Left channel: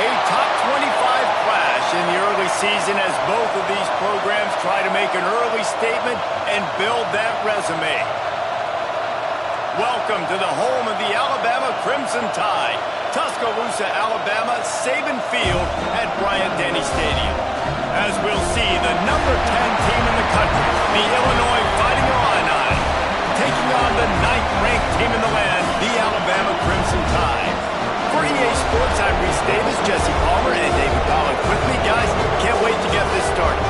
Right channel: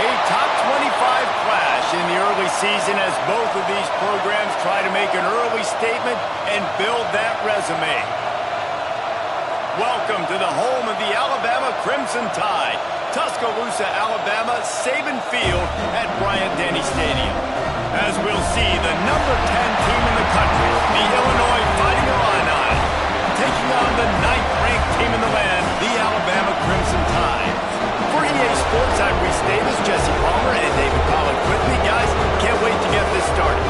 A top 25 clash in the early season as both of these programs try to make an early statement and build that resume. Welcome to the home of the Alabama Crimson Tide, Tuscaloosa, Alabama, Saban Field at Bryant-Denny Stadium. As we'll see, the number 10 team in the country, the Illinois Fighting Illini, taking on the 9th-ranked team in the land, the Alabama Crimson Tide. For EA Sports, I'm Reese Davis, Jesse Palmer, and David Collins with me. Guys, can't wait to get this started.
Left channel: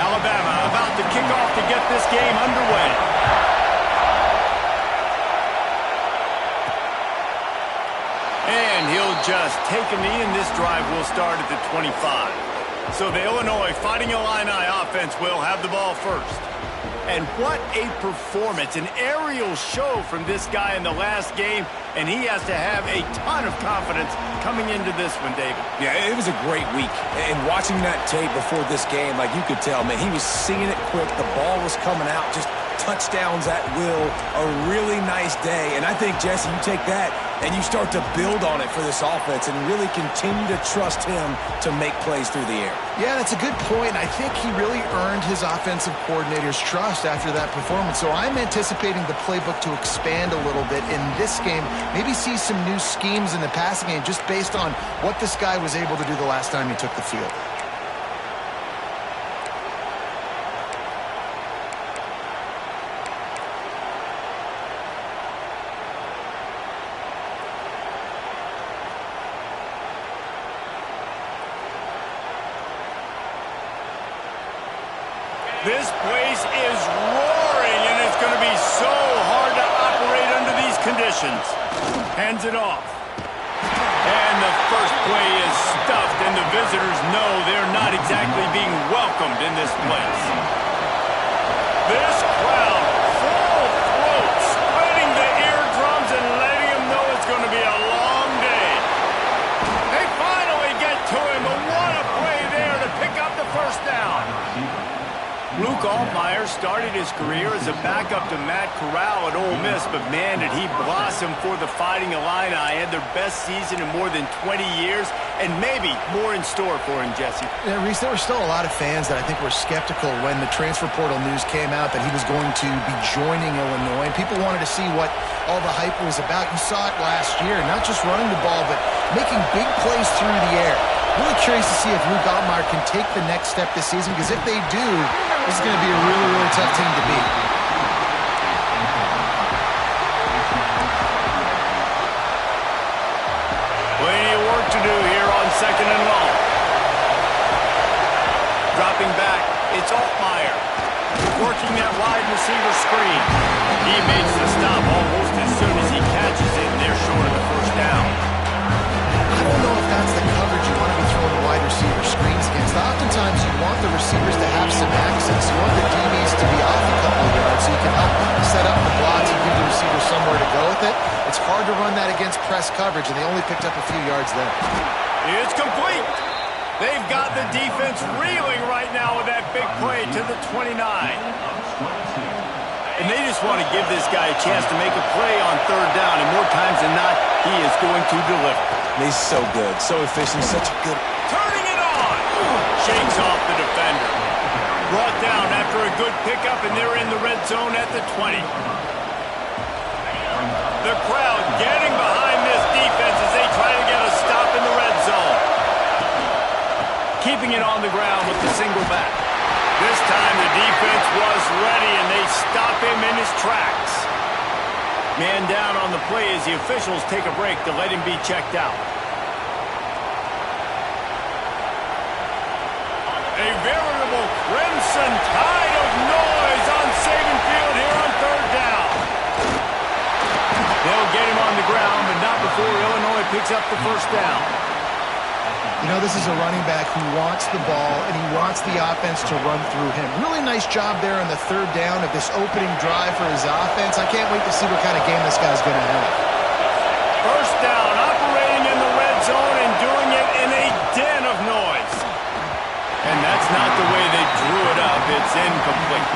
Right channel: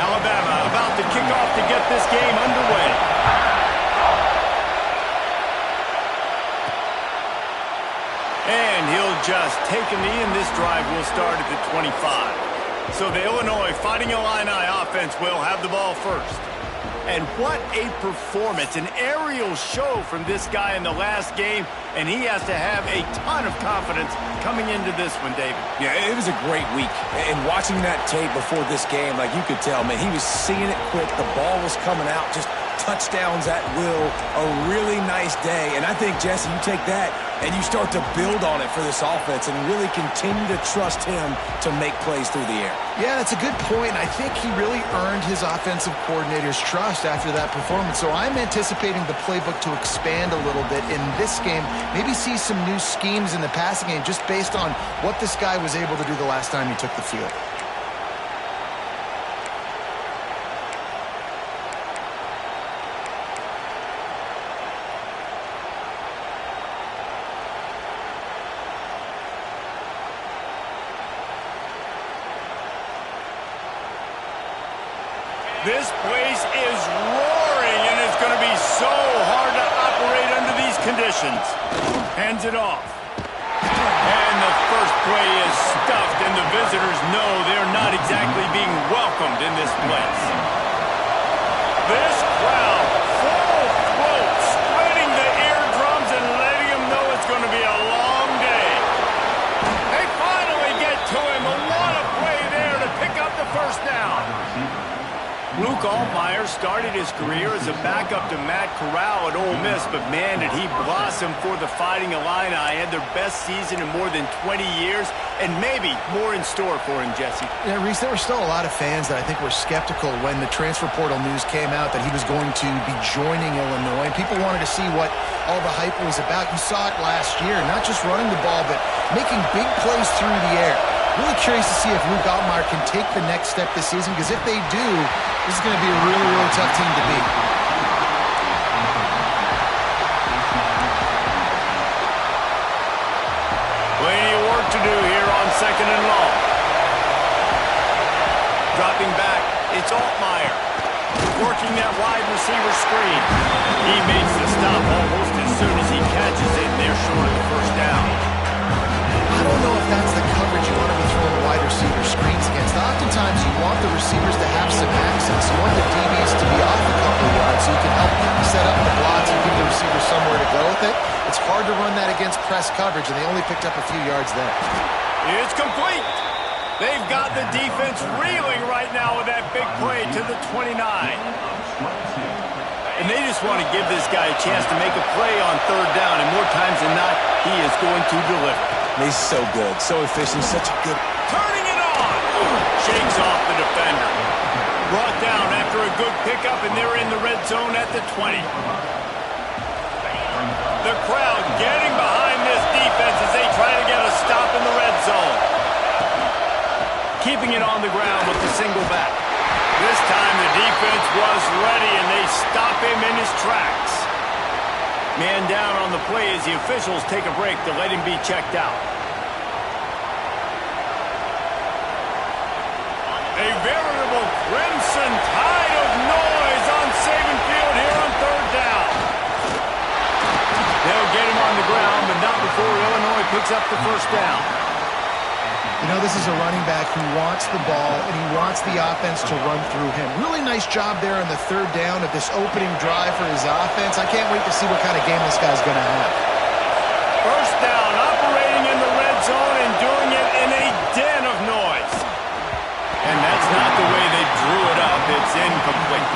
Alabama about to kick off to get this game underway. And he'll just take a knee, and this drive will start at the 25. So the Illinois Fighting Illini offense will have the ball first. And what a performance, an aerial show from this guy in the last game, and he has to have a ton of confidence coming into this one, David. Yeah, it was a great week. And watching that tape before this game, like you could tell, man, he was seeing it quick. The ball was coming out, just touchdowns at will. A really nice day. And I think, Jesse, you take that and you start to build on it for this offense and really continue to trust him to make plays through the air. Yeah, that's a good point. I think he really earned his offensive coordinator's trust after that performance. So I'm anticipating the playbook to expand a little bit in this game. Maybe see some new schemes in the passing game just based on what this guy was able to do the last time he took the field. This place is roaring, and it's going to be so hard to operate under these conditions. Hands it off. And the first play is stuffed, and the visitors know they're not exactly being welcomed in this place. This crowd, full throat, spreading the eardrums and letting them know it's going to be a long day. They finally get to him, but what a play there to pick up the first down. Luke Altmaier started his career as a backup to Matt Corral at Ole Miss, but man, did he blossom for the Fighting Illini. Had their best season in more than 20 years, and maybe more in store for him, Jesse. Yeah, Reese, there were still a lot of fans that I think were skeptical when the transfer portal news came out that he was going to be joining Illinois, and people wanted to see what all the hype was about. You saw it last year, not just running the ball, but making big plays through the air. Really curious to see if Luke Altmaier can take the next step this season, because if they do, this is going to be a really, really tough team to beat. Plenty of work to do here on 2nd and long. Dropping back, it's Altmaier. Working that wide receiver screen. He makes the stop almost as soon as he catches it, and they're short of the first down. I don't know if that's the coverage you want to be throwing wide receiver screens against. Oftentimes, you want the receivers to have some access. You want the DBs to be off a couple of yards so you can help set up the blocks and give the receiver somewhere to go with it. It's hard to run that against press coverage, and they only picked up a few yards there. It's complete. They've got the defense reeling right now with that big play to the 29. And they just want to give this guy a chance to make a play on 3rd down, and more times than not, he is going to deliver. He's so good, so efficient, such a good... Turning it on! Shakes off the defender. Brought down after a good pickup, and they're in the red zone at the 20. The crowd getting behind this defense as they try to get a stop in the red zone. Keeping it on the ground with the single back. This time the defense was ready, and they stop him in his tracks. Man down on the play as the officials take a break to let him be checked out. A veritable crimson tide of noise on Saban Field here on 3rd down. They'll get him on the ground, but not before Illinois picks up the first down. You know, this is a running back who wants the ball, and he wants the offense to run through him. Really nice job there on the 3rd down of this opening drive for his offense. I can't wait to see what kind of game this guy's going to have. First down, operating in the red zone and doing it in a den of noise. And that's not the way they drew it up. It's incomplete.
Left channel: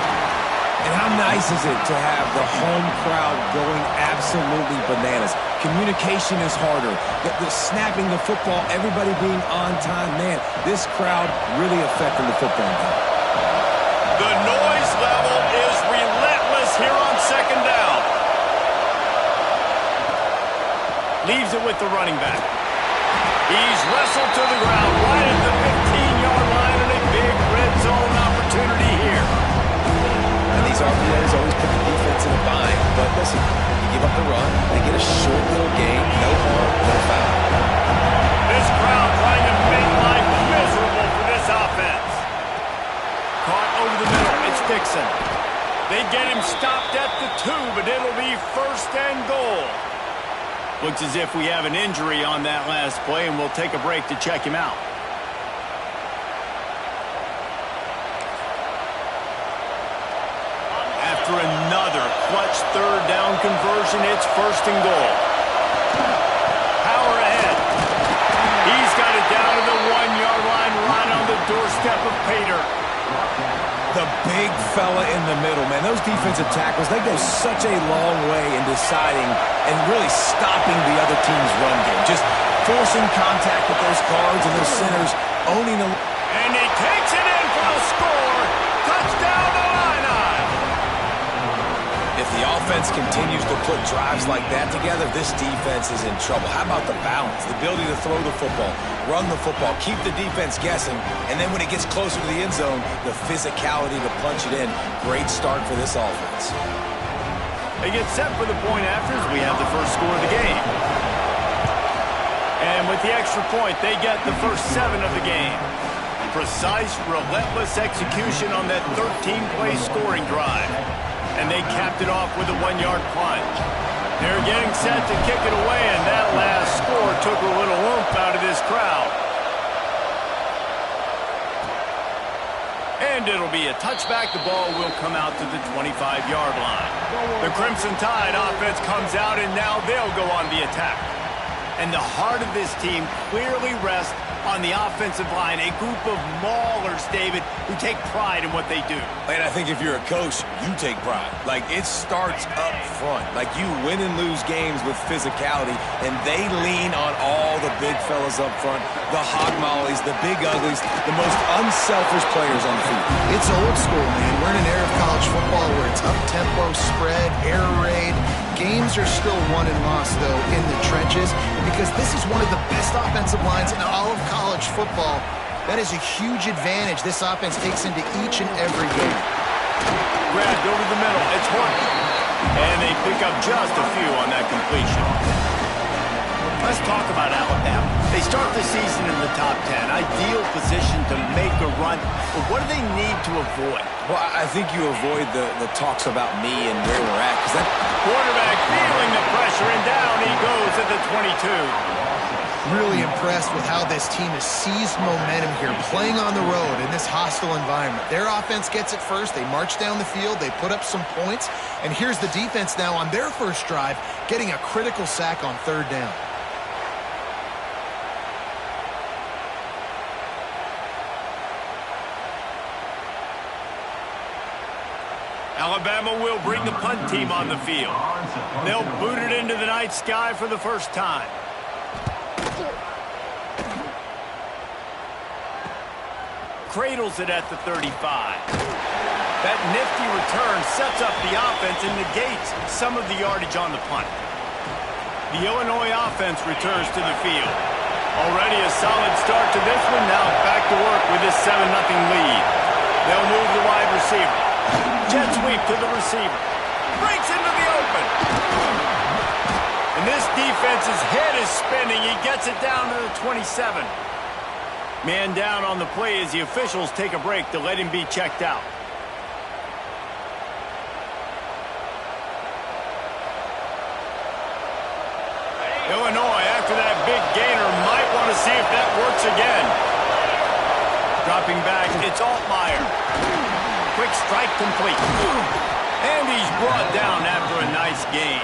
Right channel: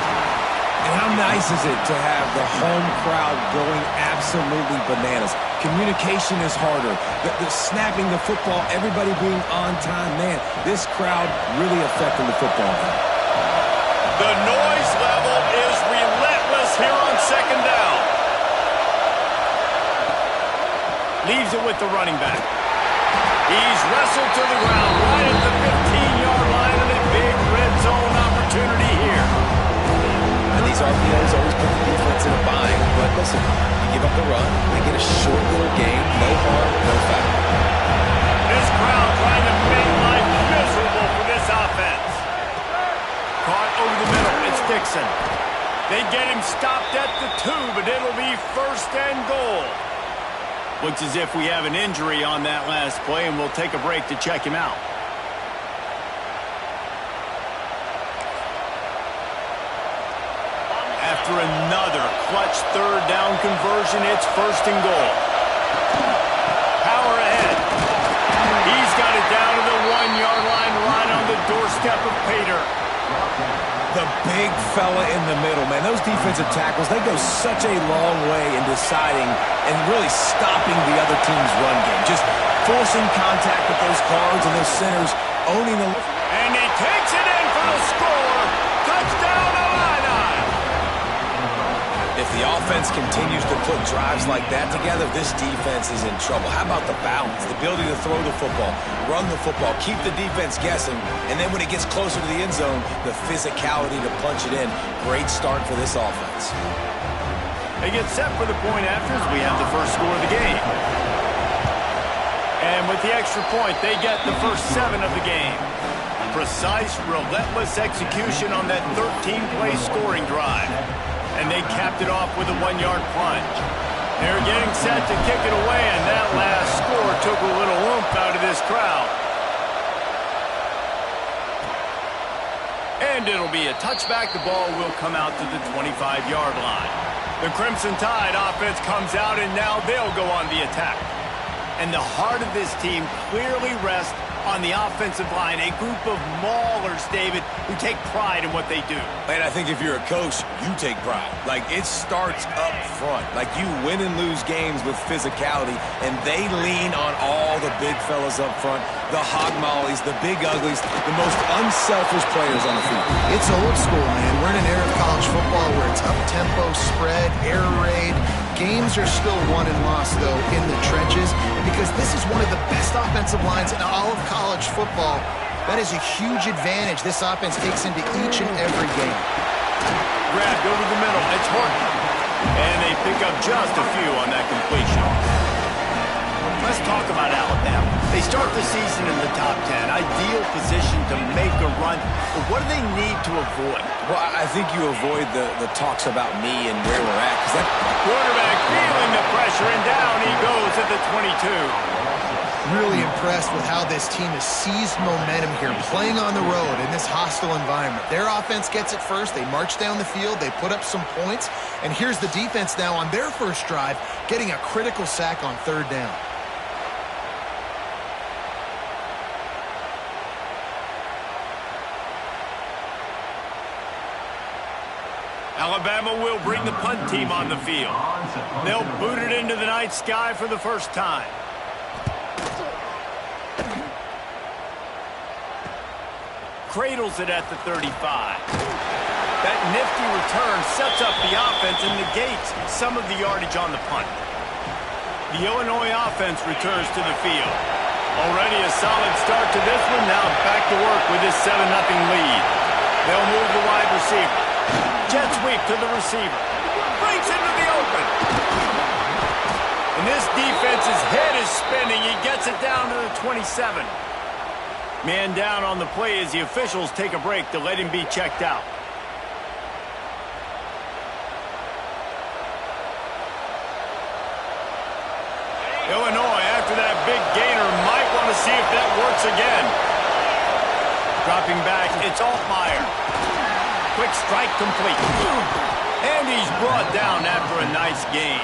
And how nice is it to have the home crowd going absolutely bananas? Communication is harder. The snapping the football, everybody being on time. Man, this crowd really affecting the football game. The noise level is relentless here on 2nd down. Leaves it with the running back. He's wrestled to the ground right at the 15-yard line, and a big red zone opportunity here. And these RPOs always put the defense in a bind. But listen, you give up the run, they get a short little gain, no harm, no foul. This crowd trying to make life miserable for this offense. Caught over the middle, it's Dixon. They get him stopped at the 2, but it'll be 1st and goal. Looks as if we have an injury on that last play, and we'll take a break to check him out. After another clutch 3rd down conversion, it's 1st and goal. Power ahead. He's got it down to the 1-yard line, right on the doorstep of Pater. The big fella in the middle, man. Those defensive tackles, they go such a long way in deciding and really stopping the other team's run game. Just forcing contact with those guards and those centers, owning the... And he takes it in for the score. Touchdown, Illini. If the offense continues to put drives like that together, this defense is in trouble. How about the balance, the ability to throw the football, run the football, keep the defense guessing, and then when it gets closer to the end zone, the physicality to punch it in. Great start for this offense. They get set for the point afters. We have the first score of the game. And with the extra point, they get the first 7 of the game. Precise, relentless execution on that 13-play scoring drive. And they capped it off with a 1-yard plunge. They're getting set to kick it away, and that last score took a little oomph out of this crowd. And it'll be a touchback. The ball will come out to the 25-yard line. The Crimson Tide offense comes out, and now they'll go on the attack. And the heart of this team clearly rests on the offensive line, a group of maulers, David, who take pride in what they do. And I think if you're a coach, you take pride. Like, it starts up front. Like, you win and lose games with physicality, and they lean on all the big fellas up front, the hog mollies, the big uglies, the most unselfish players on the field. It's old school, man. We're in an era of college football where it's up-tempo, spread, air raid. Games are still won and lost, though, in the trenches. And because this is one of the best offensive lines in all of college football, that is a huge advantage this offense takes into each and every game. Grabbed over the middle. It's Horton. And they pick up just a few on that completion. Let's talk about Alabama. They start the season in the top 10. Ideal position to make a run. But what do they need to avoid? Well, I think you avoid the talks about me and where we're at. Because that quarterback feeling the pressure, and down he goes at the 22. Really impressed with how this team has seized momentum here, playing on the road in this hostile environment. Their offense gets it first. They march down the field. They put up some points. And here's the defense now on their first drive, getting a critical sack on third down. Alabama will bring the punt team on the field. They'll boot it into the night sky for the first time. Cradles it at the 35. That nifty return sets up the offense and negates some of the yardage on the punt. The Illinois offense returns to the field. Already a solid start to this one. Now back to work with this 7-0 lead. They'll move the wide receiver. Jet sweep to the receiver. Breaks into the open. And this defense's head is spinning. He gets it down to the 27. Man down on the play as the officials take a break to let him be checked out. Illinois, after that big gainer, might want to see if that works again. Dropping back, it's Altmaier. Quick strike complete. And he's brought down after a nice gain.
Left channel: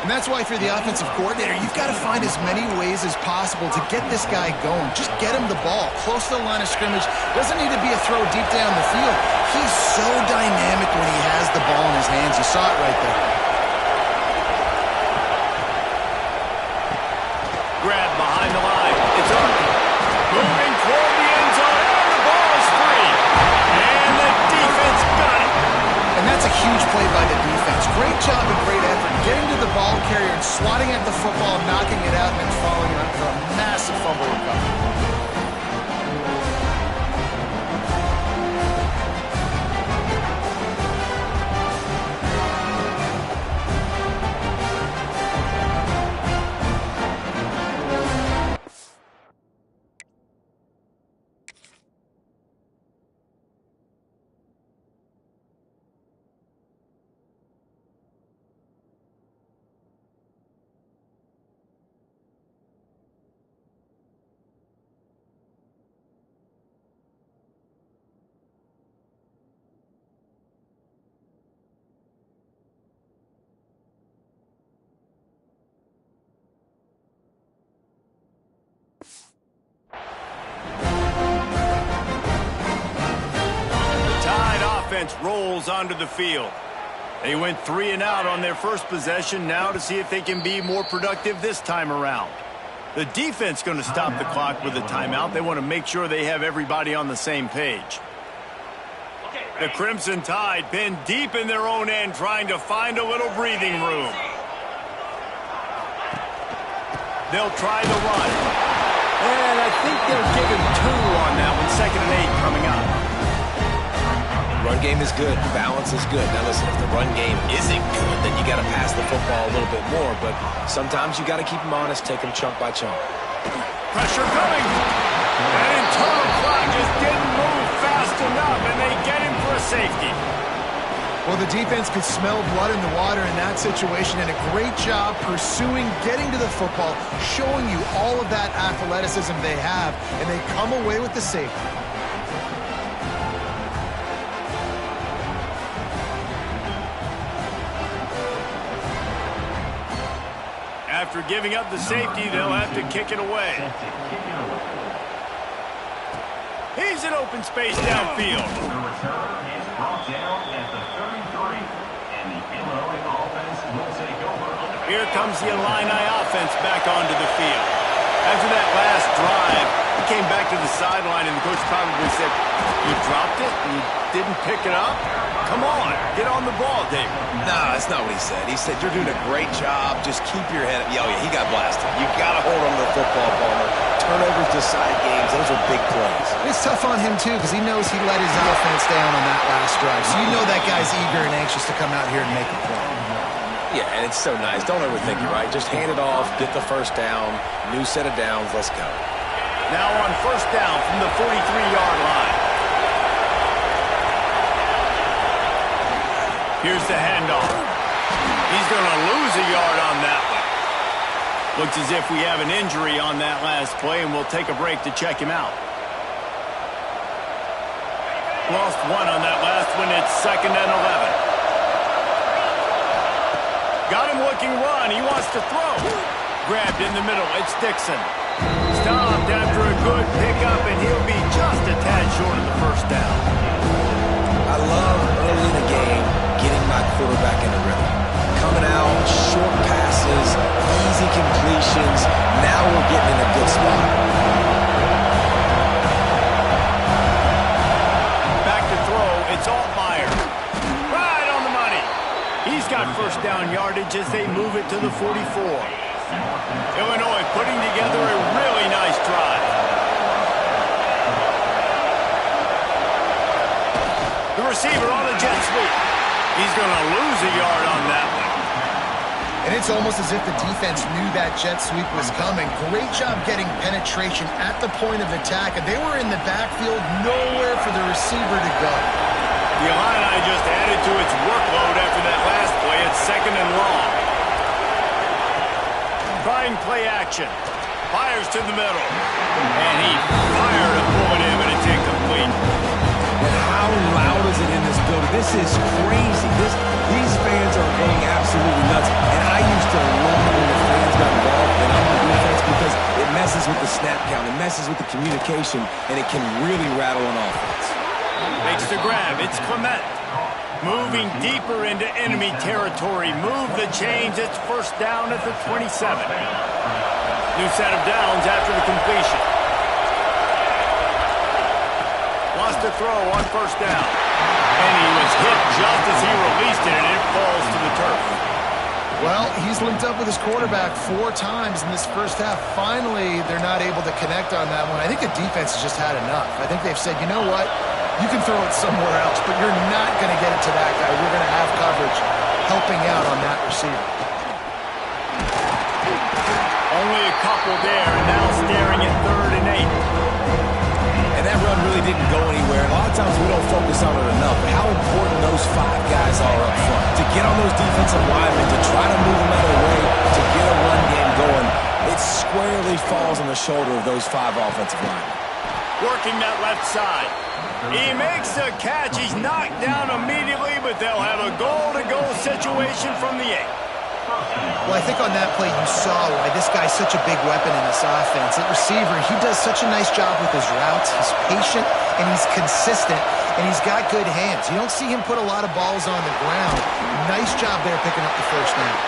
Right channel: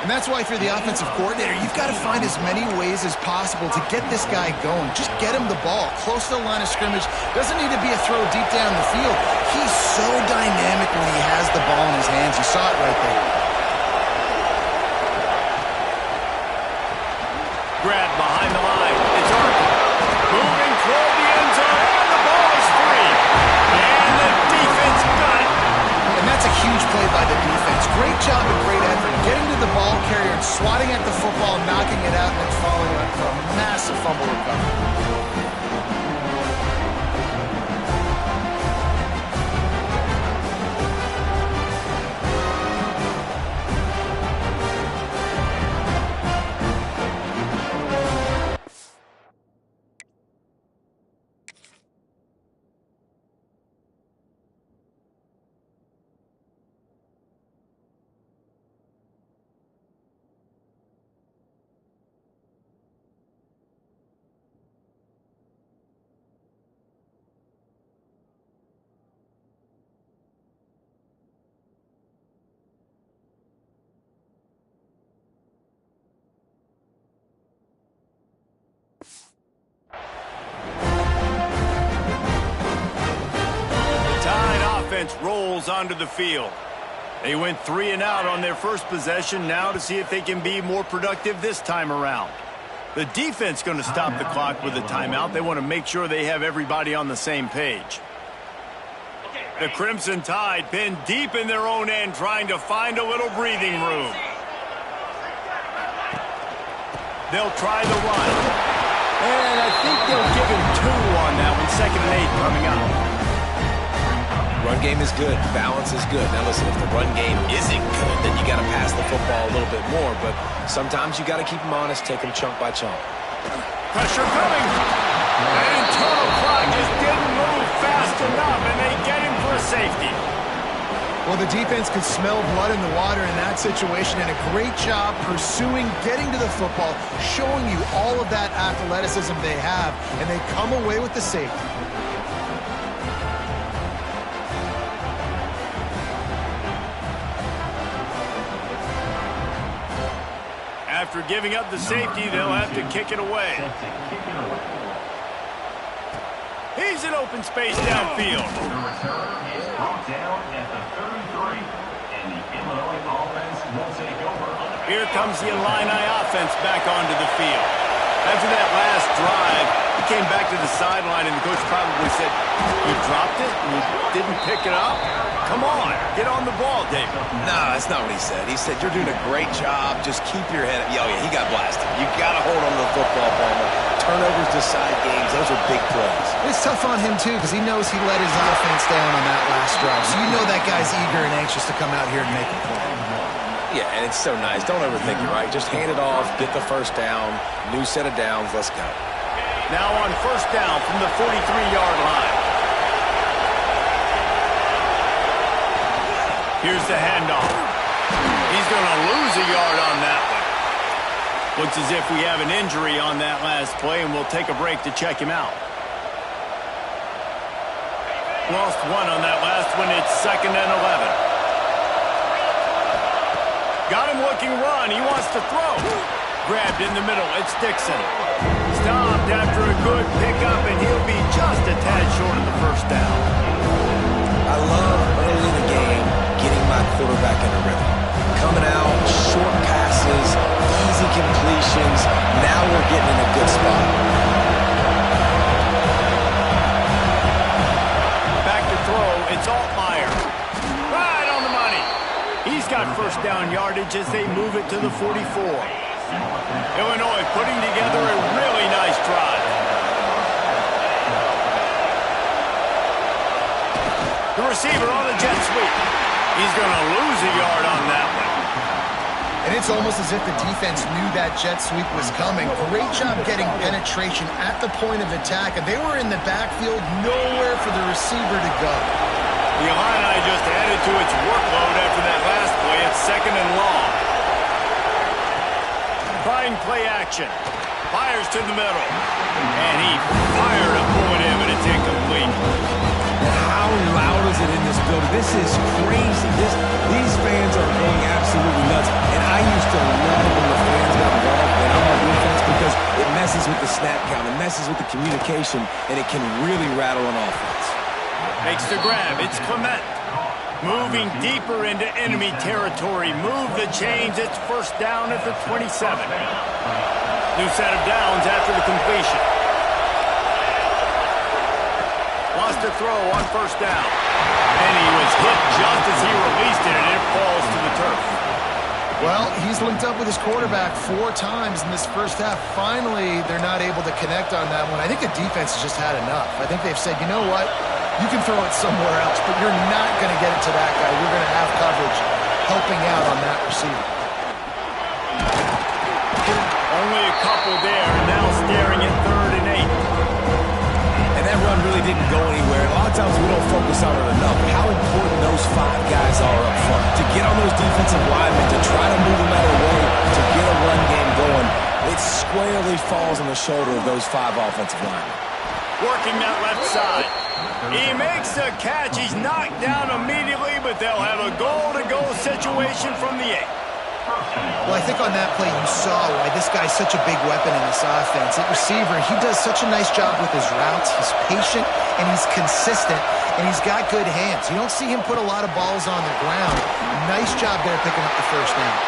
And that's why if you're the offensive coordinator, you've got to find as many ways as possible to get this guy going. Just get him the ball close to the line of scrimmage. Doesn't need to be a throw deep down the field. He's so dynamic when he has the ball in his hands. You saw it right there. Grab behind the line. It's Arkin. Moving toward the end zone, and the ball is free. And the defense got it. And that's a huge play by the defense. Great job and great effort getting to the ball carrier and swatting at the football, knocking it out, and then following it up for a massive fumble recovery. Offense rolls onto the field. They went 3 and out on their first possession, now to see if they can be more productive this time around. The defense going to stop the clock with a timeout. They want to make sure they have everybody on the same page. The Crimson Tide pinned deep in their own end, trying to find a little breathing room. They'll try the run. And I think they'll give him 2 on that one. 2nd and 8 coming up. Run game is good. Balance is good. Now, listen, if the run game isn't good, then you got to pass the football a little bit more. But sometimes you got to keep them honest, take them chunk by chunk. Pressure coming. That internal clock just didn't move fast enough, and they get him for a safety. Well, the defense could smell blood in the water in that situation, and a great job pursuing, getting to the football, showing you all of that athleticism they have, and they come away with the safety. After giving up the safety, they'll have to kick it away. He's in open space downfield. The return is brought down at the 33. And the Illinois offense will take over. Here comes the Illini offense back onto the field. After that last drive, he came back to the sideline, and the coach probably said, "You dropped it and you didn't pick it up? Come on, get on the ball, David." No, that's not what he said. He said, "You're doing a great job. Just keep your head up." Oh, yeah, he got blasted. You got to hold on to the football, Palmer. Turnovers decide games. Those are big plays. It's tough on him, too, because he knows he let his offense down on that last drive. So you know that guy's eager and anxious to come out here and make a play. Yeah, and it's so nice. Don't overthink it, right? Just hand it off, get the first down, new set of downs, let's go. Now on first down from the 43-yard line. Here's the handoff. He's going to lose a yard on that one. Looks as if we have an injury on that last play, and we'll take a break to check him out. Lost one on that last one. It's 2nd and 11. Got him looking run. He wants to throw. Grabbed in the middle. It's Dixon. Stopped after a good pickup, and he'll be just a tad short of the first down. I love early in the game getting my quarterback in a rhythm. Coming out, short passes, easy completions. Now we're getting in a good spot. Back to throw. It's Altmaier. Right on the money. He's got first down yardage as they move it to the 44. Illinois putting together a really nice drive. The receiver on the jet sweep. He's going to lose a yard on that one. And it's almost as if the defense knew that jet sweep was coming. Great job getting penetration at the point of attack. And they were in the backfield, nowhere for the receiver to go. The Illini just added to its workload after that last play. It's 2nd and long. Trying play action. Fires to the middle. And he fired a bullet in, but it's incomplete. And how loud is it in this building? This is crazy. These fans are going absolutely nuts. And I used to love when the fans got involved and I'm on defense because it messes with the snap count. It messes with the communication, and it can really rattle an offense. Makes the grab. It's Clement. Moving deeper into enemy territory. Move the chains. It's first down at the 27. New set of downs after the completion. Wants to throw on first down. And he was hit just as he released it, and it falls to the turf. Well, he's linked up with his quarterback 4 times in this first half. Finally, they're not able to connect on that one. I think the defense has just had enough. I think they've said, you know what? You can throw it somewhere else, but you're not going to get it to that guy. We're going to have coverage helping out on that receiver. Only a couple there, and now staring at 3rd and 8. And that run really didn't go anywhere. And a lot of times we don't focus on it enough. But how important those 5 guys are up front. To get on those defensive linemen, to try to move them out of the way, to get a run game going, it squarely falls on the shoulder of those 5 offensive linemen. Working that left side. He makes the catch. He's knocked down immediately, but they'll have a goal-to-go situation from the 8. Well, I think on that play you saw why this guy's such a big weapon in this offense. At receiver, he does such a nice job with his routes. He's patient, and he's consistent, and he's got good hands. You don't see him put a lot of balls on the ground. Nice job there picking up the first down.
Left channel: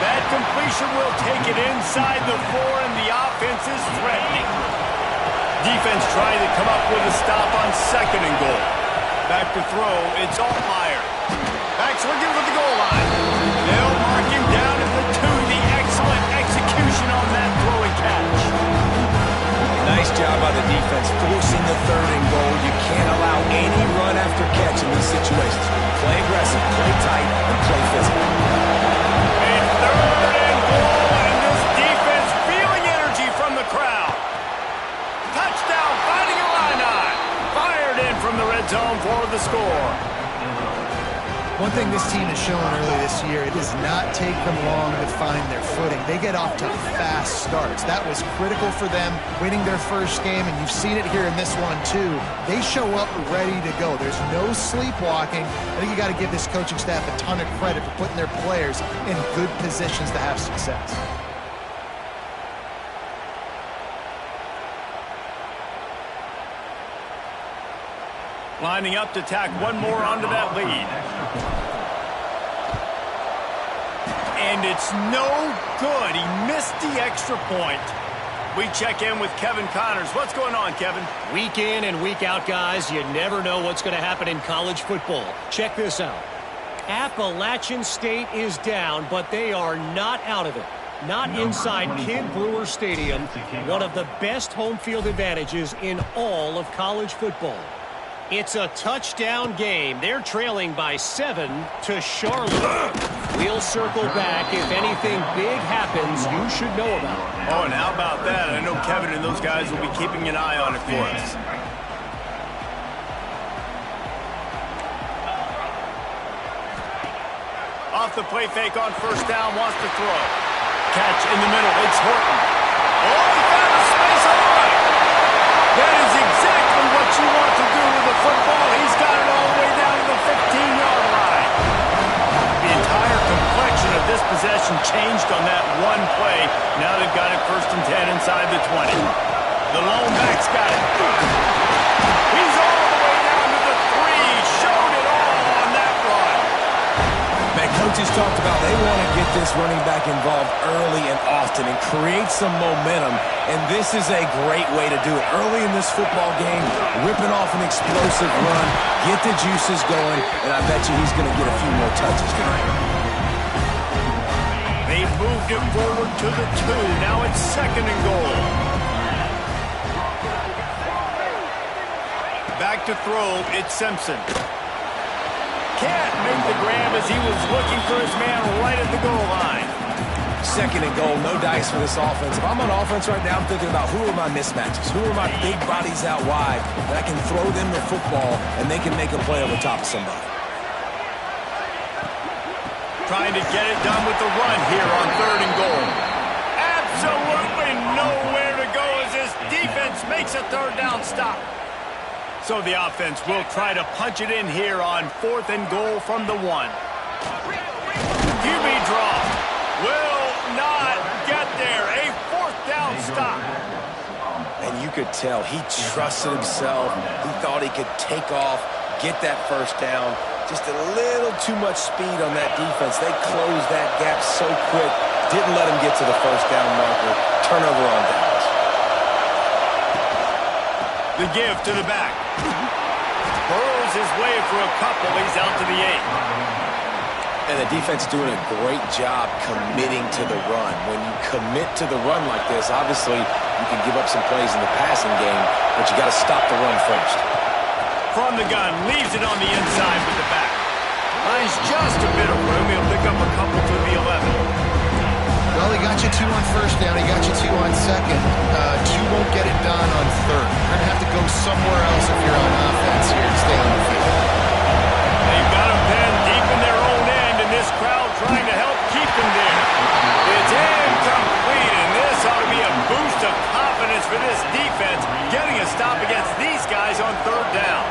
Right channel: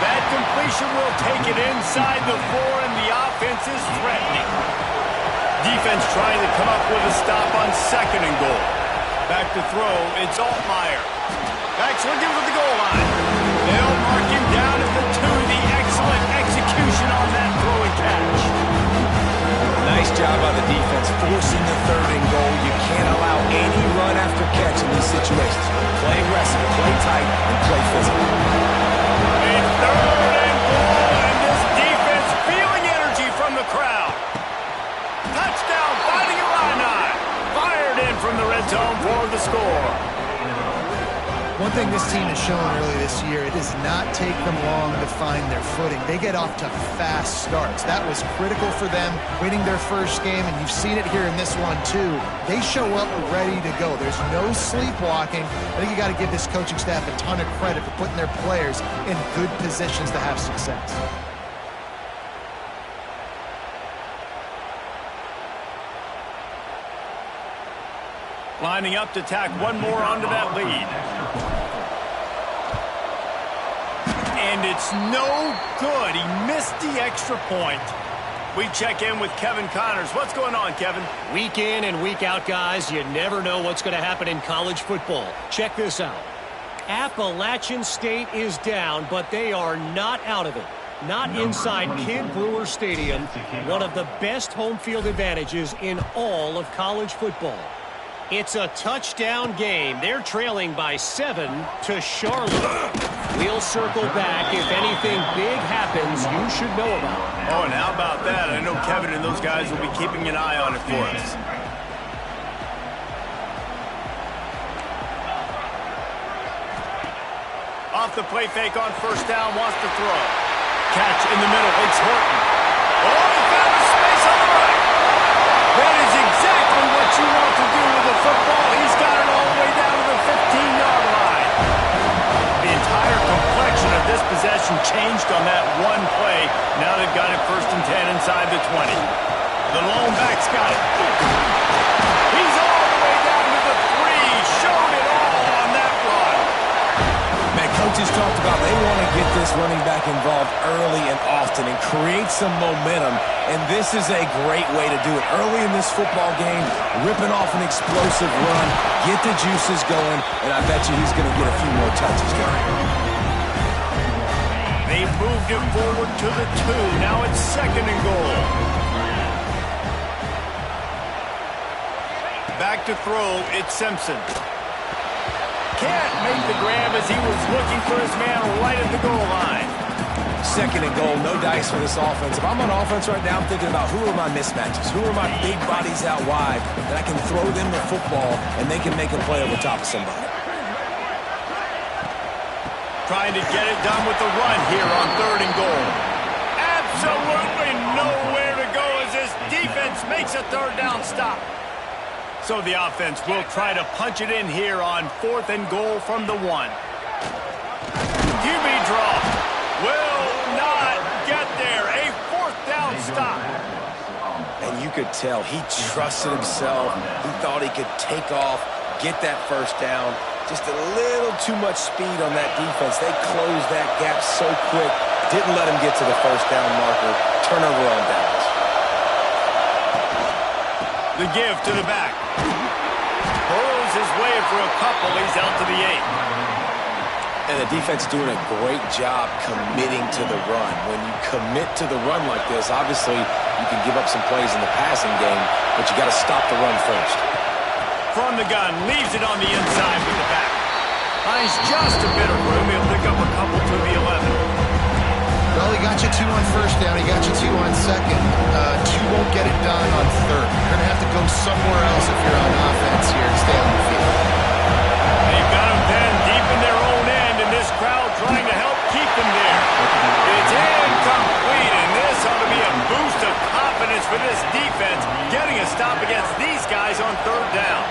That completion will take it inside the 4, and the offense is threatening. Defense trying to come up with a stop on 2nd and goal. Back to throw, it's Altmaier. Back's looking for the goal line. They'll mark him down at the 2. The excellent execution on that throw and catch. Nice job by the defense forcing the 3rd and goal. You can't allow any run after catch in these situations. Play aggressive, play tight, and play physical. And 3rd and goal, and this defense feeling energy from the crowd. Touchdown, Fighting Illini. Fired in from the red zone for the score. One thing this team has shown early this year, it does not take them long to find their footing. They get off to fast starts. That was critical for them winning their first game, and you've seen it here in this one too. They show up ready to go. There's no sleepwalking. I think you got to give this coaching staff a ton of credit for putting their players in good positions to have success. Lining up to tack one more onto that lead. And it's no good. He missed the extra point. We check in with Kevin Connors. What's going on, Kevin? Week in and week out, guys, you never know what's going to happen in college football. Check this out. Appalachian State is down, but they are not out of it. Not inside Kidd Brewer Stadium, one of the best home field advantages in all of college football. It's a touchdown game. They're trailing by 7 to Charlotte. We'll circle back if anything big happens you should know about. Oh, and how about that? I know Kevin and those guys will be keeping an eye on it for us. Off the play fake on first down, wants to throw. Catch in the middle, it's Horton. Oh, he found a space on the right. That is exactly what you want to do with the football. He's got it all the way down to the 15-yard line. The entire complexion of this possession changed on that one play. Now they've got it 1st and 10 inside the 20. The lone back's got it. He's all the way down to the 3. Showed it all on that run. Man, coaches talked about they want to get this running back involved early and often and create some momentum, and this is a great way to do it. Early in this football game, ripping off an explosive run, get the juices going, and I bet you he's going to get a few more touches tonight. They moved it forward to the 2. Now it's 2nd and goal. Back to throw, it's Simpson. Can't make the grab as he was looking for his man right at the goal line. 2nd and goal, no dice for this offense. If I'm on offense right now, I'm thinking about who are my mismatches? Who are my big bodies out wide that I can throw them the football and they can make a play over top of somebody? Trying to get it done with the run here on 3rd and goal. Absolutely nowhere to go as this defense makes a 3rd down stop. So the offense will try to punch it in here on 4th and goal from the 1. QB draw. Will not get there. A 4th down stop. And you could tell he trusted himself. He thought he could take off, get that 1st down. Just a little too much speed on that defense. They closed that gap so quick. Didn't let him get to the 1st down marker. Turnover on downs. The give to the back. Burrows his way for a couple. He's out to the 8. And the defense doing a great job committing to the run. When you commit to the run like this, obviously you can give up some plays in the passing game, but you got to stop the run first. From the gun, leaves it on the inside with the back. Finds just a bit of room. He'll pick up a couple to the 11. Well, he got you 2 on 1st down. He got you 2 on 2nd. 2 won't get it done on 3rd. You're going to have to go somewhere else if you're on offense here to stay on the field. They've got him pinned deep in their own end, and this crowd trying to help keep them there. It's incomplete, and this ought to be a boost of confidence for this defense, getting a stop against these guys on 3rd down.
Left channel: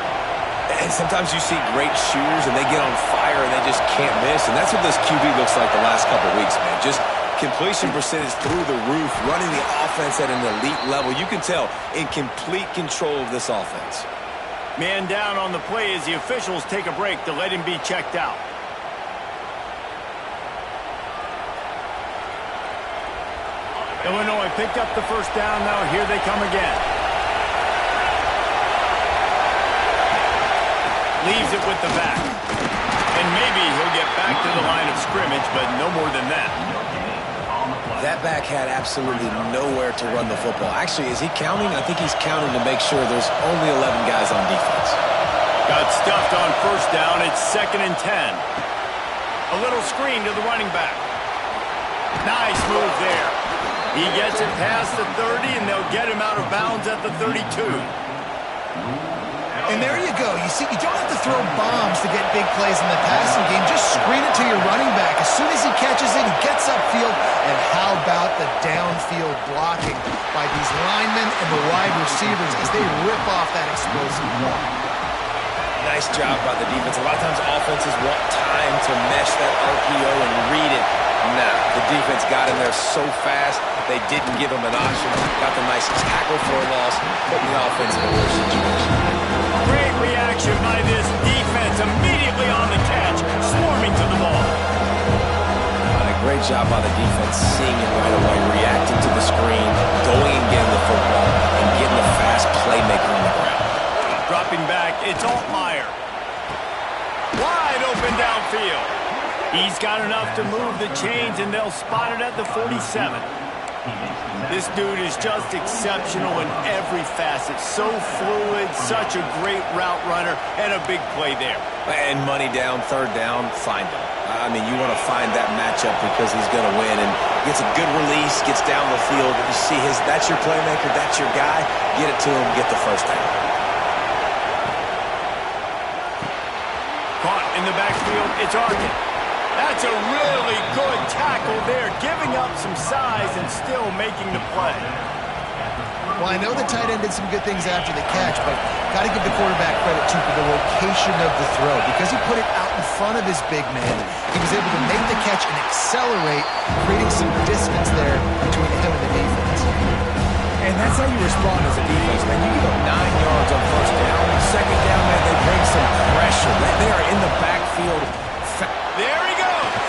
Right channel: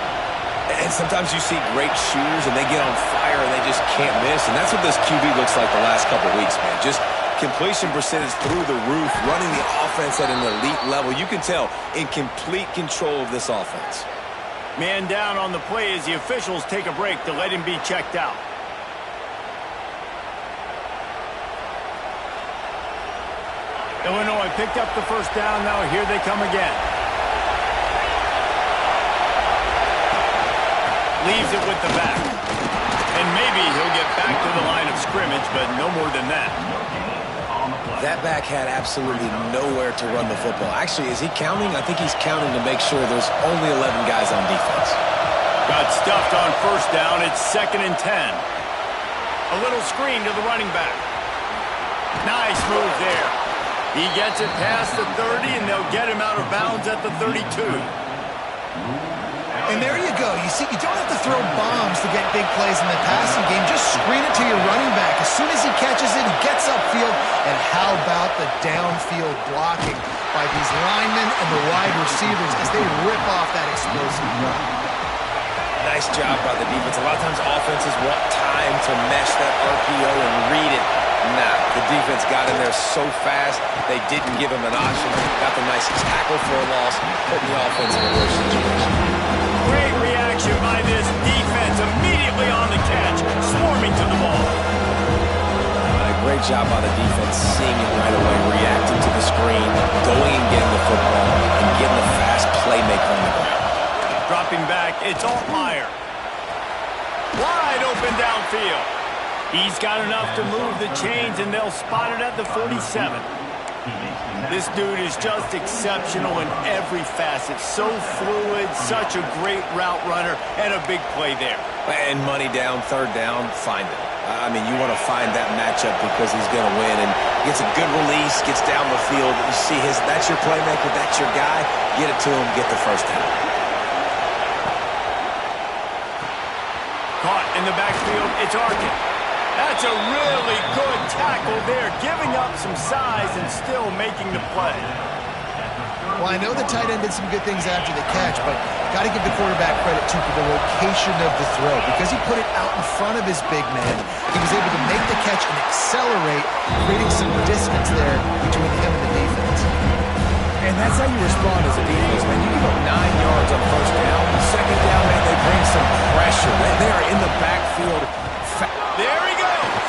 And sometimes you see great shooters, and they get on fire, and they just can't miss. And that's what this QB looks like the last couple of weeks, man. Just completion percentage through the roof, running the offense at an elite level. You can tell in complete control of this offense. Man down on the play as the officials take a break to let him be checked out. Illinois picked up the 1st down. Now here they come again. Leaves it with the back. And maybe he'll get back to the line of scrimmage, but no more than that. That back had absolutely nowhere to run the football. Actually, is he counting? I think he's counting to make sure there's only 11 guys on defense. Got stuffed on 1st down. It's 2nd and 10. A little screen to the running back. Nice move there. He gets it past the 30, and they'll get him out of bounds at the 32. And there you go. You see, you don't have to throw bombs to get big plays in the passing game. Just screen it to your running back. As soon as he catches it, he gets upfield. And how about the downfield blocking by these linemen and the wide receivers as they rip off that explosive run? Nice job by the defense. A lot of times offenses want time to mesh that RPO and read it. Nah, the defense got in there so fast, they didn't give him an option. Got the nice tackle for a loss, putting the offense in a worse situation. Great reaction by great job by the defense seeing it right away, reacting to the screen, going and getting the football, and getting the fast playmaker on the ground. Dropping back, it's Altmaier. Wide open downfield. He's got enough to move the chains, and they'll spot it at the 47. This dude is just exceptional in every facet. So fluid, such a great route runner, and a big play there. And money down, third down, find him. I mean, you want to find that matchup because he's going to win, and gets a good release, gets down the field. You see that's your playmaker, that's your guy. Get it to him, get the first down. Caught in the backfield, it's Arkin. That's a really good tackle there, giving up some size and still making the play. Well, I know the tight end did some good things after the catch, but got to give the quarterback credit, too, for the location of the throw. Because he put it out in front of his big man, he was able to make the catch and accelerate, creating some distance there between him and the defense. And that's how you respond as a defense, man. You give up 9 yards on first down. Second down, man, they bring some pressure. They are in the backfield. There he goes.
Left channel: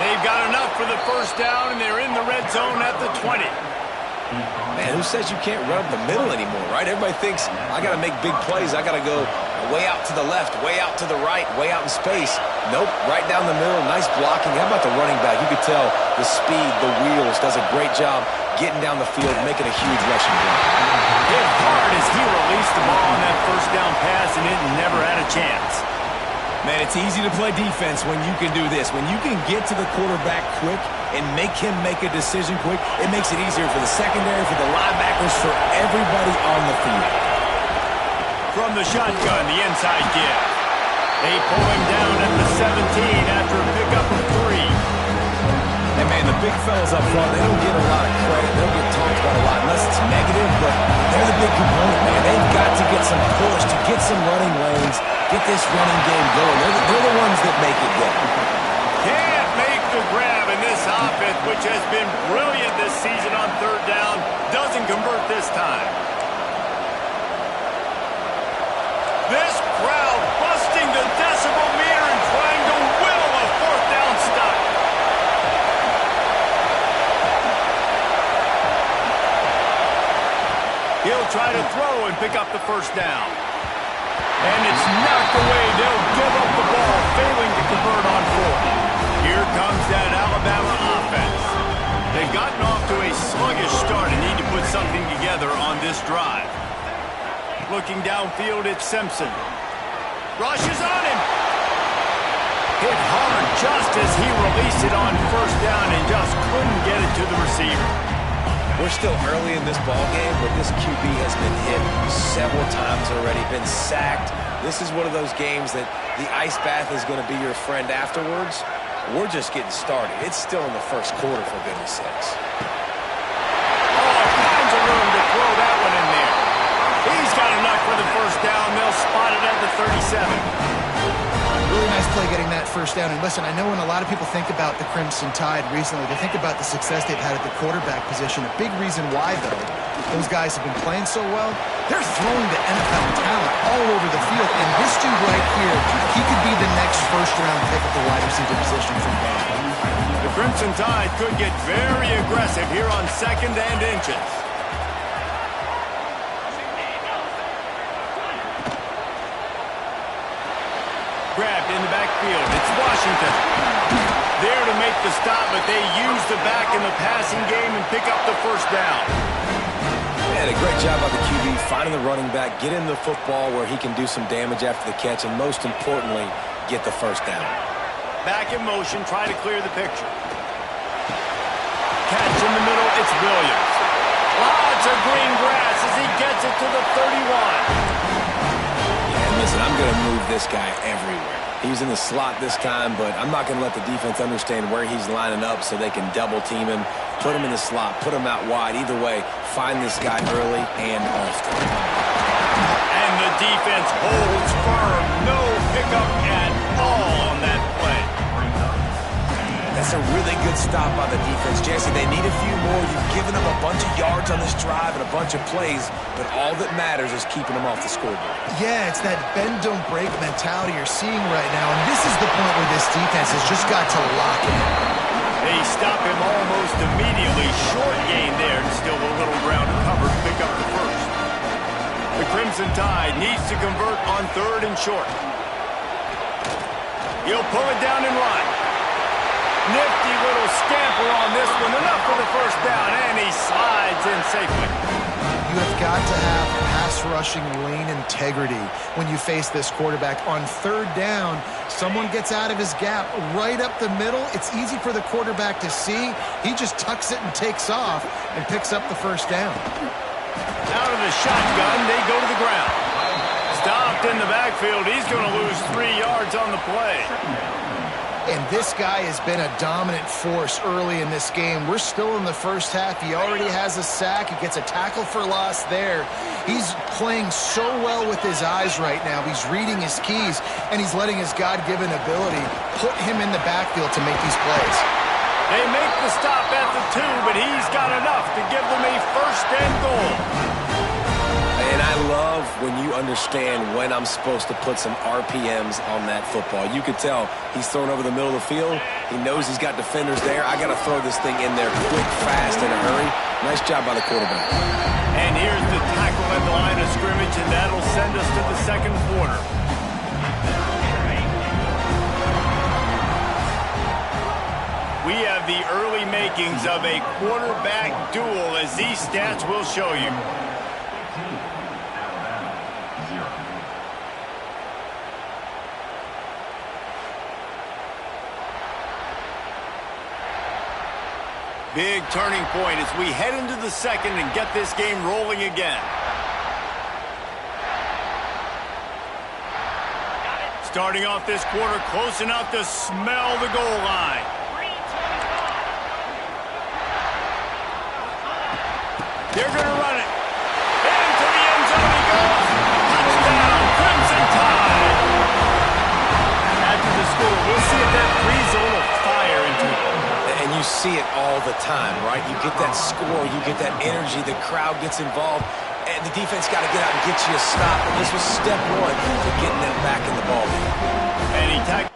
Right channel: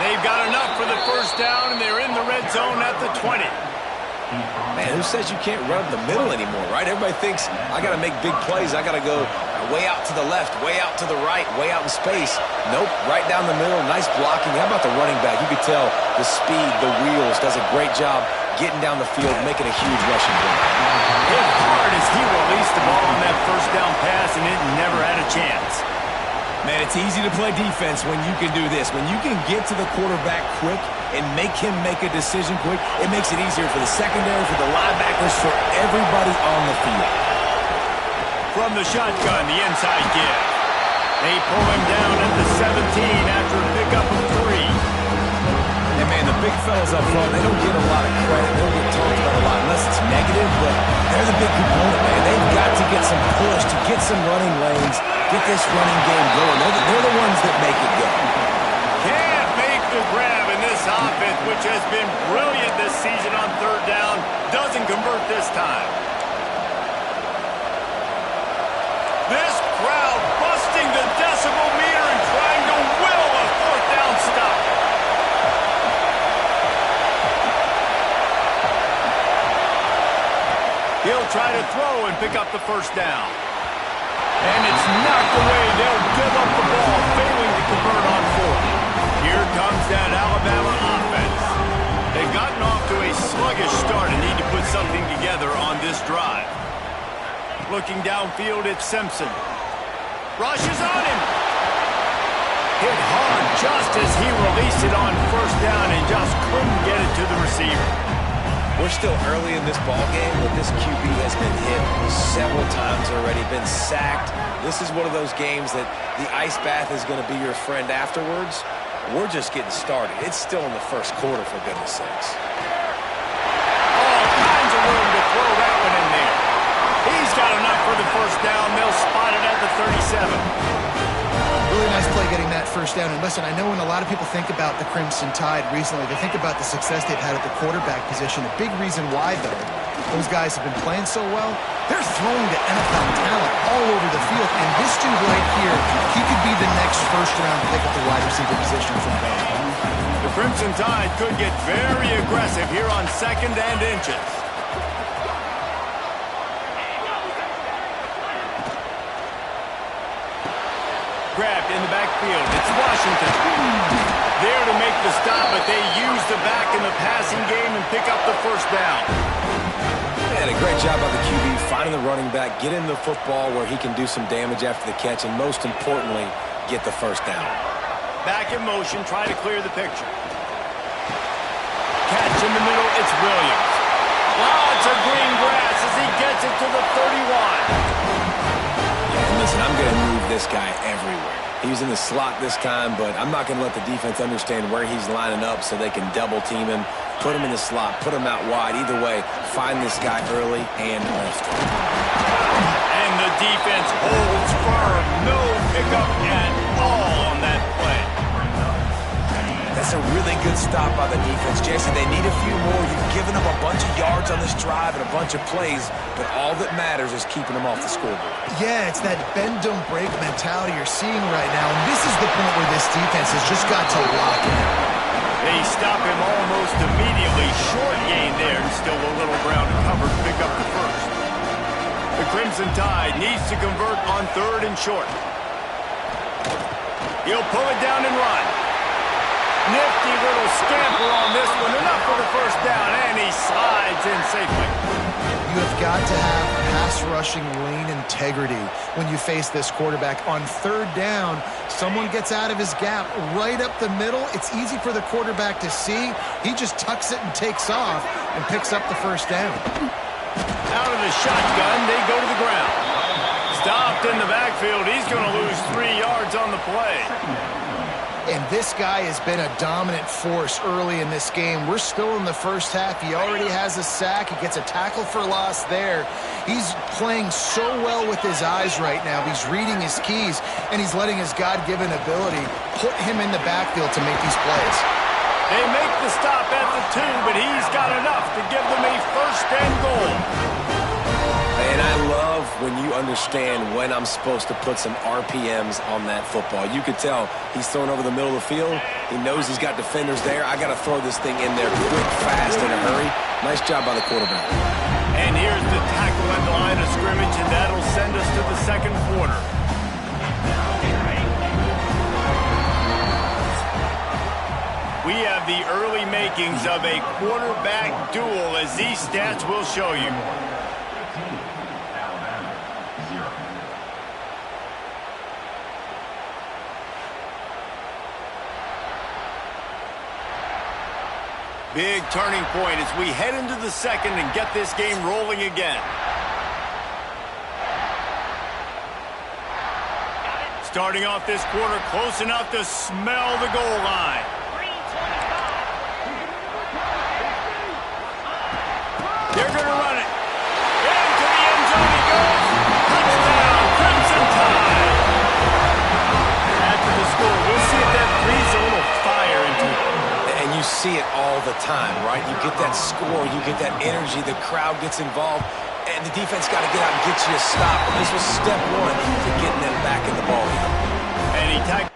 They've got enough for the first down, and they're in the red zone at the 20. Man, who says you can't run up the middle anymore, right? Everybody thinks, I got to make big plays. I got to go way out to the left, way out to the right, way out in space. Nope, right down the middle. Nice blocking. How about the running back? You could tell the speed, the wheels, does a great job getting down the field, making a huge rushing play. Hit hard as he released the ball on that first down pass, and it never had a chance. Man, it's easy to play defense when you can do this. When you can get to the quarterback quick and make him make a decision quick, it makes it easier for the secondary, for the linebackers, for everybody on the field. From the shotgun, the inside give. They pull him down at the 17 after a pickup of 3. And, man, the big fellas up front, they don't get a lot of credit. They don't get talked about a lot unless it's negative, but they're the big component, man. They've got to get some push, to get some running lanes, get this running game going. They're the ones that make it go. Can't make the grab, and this offense, which has been brilliant this season on third down, doesn't convert this time. This crowd busting the decibel meter and trying to will a fourth down stop. He'll try to throw and pick up the first down. And it's knocked away. They'll give up the ball, failing to convert on fourth. Here comes that Alabama offense. They've gotten off to a sluggish start and need to put something together on this drive. Looking downfield, it's Simpson. Rushes on him. Hit hard just as he released it on first down and just couldn't get it to the receiver. We're still early in this ball game, but this QB has been hit several times already, been sacked. This is one of those games that the ice bath is going to be your friend afterwards. We're just getting started. It's still in the first quarter, for goodness sakes. All kinds of room to throw that one in there. He's got enough for the first down. They'll spot it at the 37. Really nice play getting that first down. And listen, I know when a lot of people think about the Crimson Tide recently, they think about the success they've had at the quarterback position. A big reason why, though, those guys have been playing so well, they're throwing to NFL talent all over the field. And this dude right here, he could be the next first-round pick at the wide receiver position from Bama. The Crimson Tide could get very aggressive here on second and inches. Grabbed in the backfield. It's Washington. There to make the stop, but they use the back in the passing game and pick up the first down. Man, a great job by the QB finding the running back, getting the football where he can do some damage after the catch, and most importantly, get the first down. Back in motion, try to clear the picture. Catch in the middle, it's Williams. Lots of green grass as he gets it to the 31. And listen, I'm going to move this guy everywhere. He's in the slot this time, but I'm not going to let the defense understand where he's lining up so they can double team him, put him in the slot, put him out wide. Either way, find this guy early and often. And the defense holds firm. No pickup at all on that play. That's a really good stop by the defense. Jesse, they need a few more. You've given them a bunch of yards on this drive and a bunch of plays, but all that matters is keeping them off the scoreboard. Yeah, it's that bend, don't break mentality you're seeing right now, and this is the point where this defense has just got to lock in. They stop him almost immediately. Short gain there, and still a little ground to cover to pick up the first. The Crimson Tide needs to convert on 3rd and short. He'll pull it down and run. Nifty little scamper on this one. Enough for the first down, and he slides in safely. You have got to have pass rushing lane integrity when you face this quarterback. On 3rd down, someone gets out of his gap right up the middle. It's easy for the quarterback to see. He just tucks it and takes off and picks up the first down. Out of the shotgun, they go to the ground. Stopped in the backfield. He's going to lose 3 yards on the play. And this guy has been a dominant force early in this game. We're still in the first half. He already has a sack. He gets a tackle for loss there. He's playing so well with his eyes right now. He's reading his keys, and he's letting his God-given ability put him in the backfield to make these plays. They make the stop at the 2, but he's got enough to give them a 1st and goal. And I love when you understand when I'm supposed to put some RPMs on that football. You could tell he's thrown over the middle of the field. He knows he's got defenders there. I got to throw this thing in there quick, fast, in a hurry. Nice job by the quarterback. And here's the tackle at the line of scrimmage, and that'll send us to the 2nd quarter. We have the early makings of a quarterback duel, as these stats will show you. Big turning point as we head into the 2nd and get this game rolling again. Starting off this quarter close enough to smell the goal line. They're going to run it. Into the end zone he goes. Touchdown, Crimson Tide. After the score, we'll see if that breathes a little fire into it. And you see it all the time, right? You get that score, you get that energy, the crowd gets involved, and the defense got to get out and get you a stop. And this was step 1 to getting them back in the ballgame. And he tackled.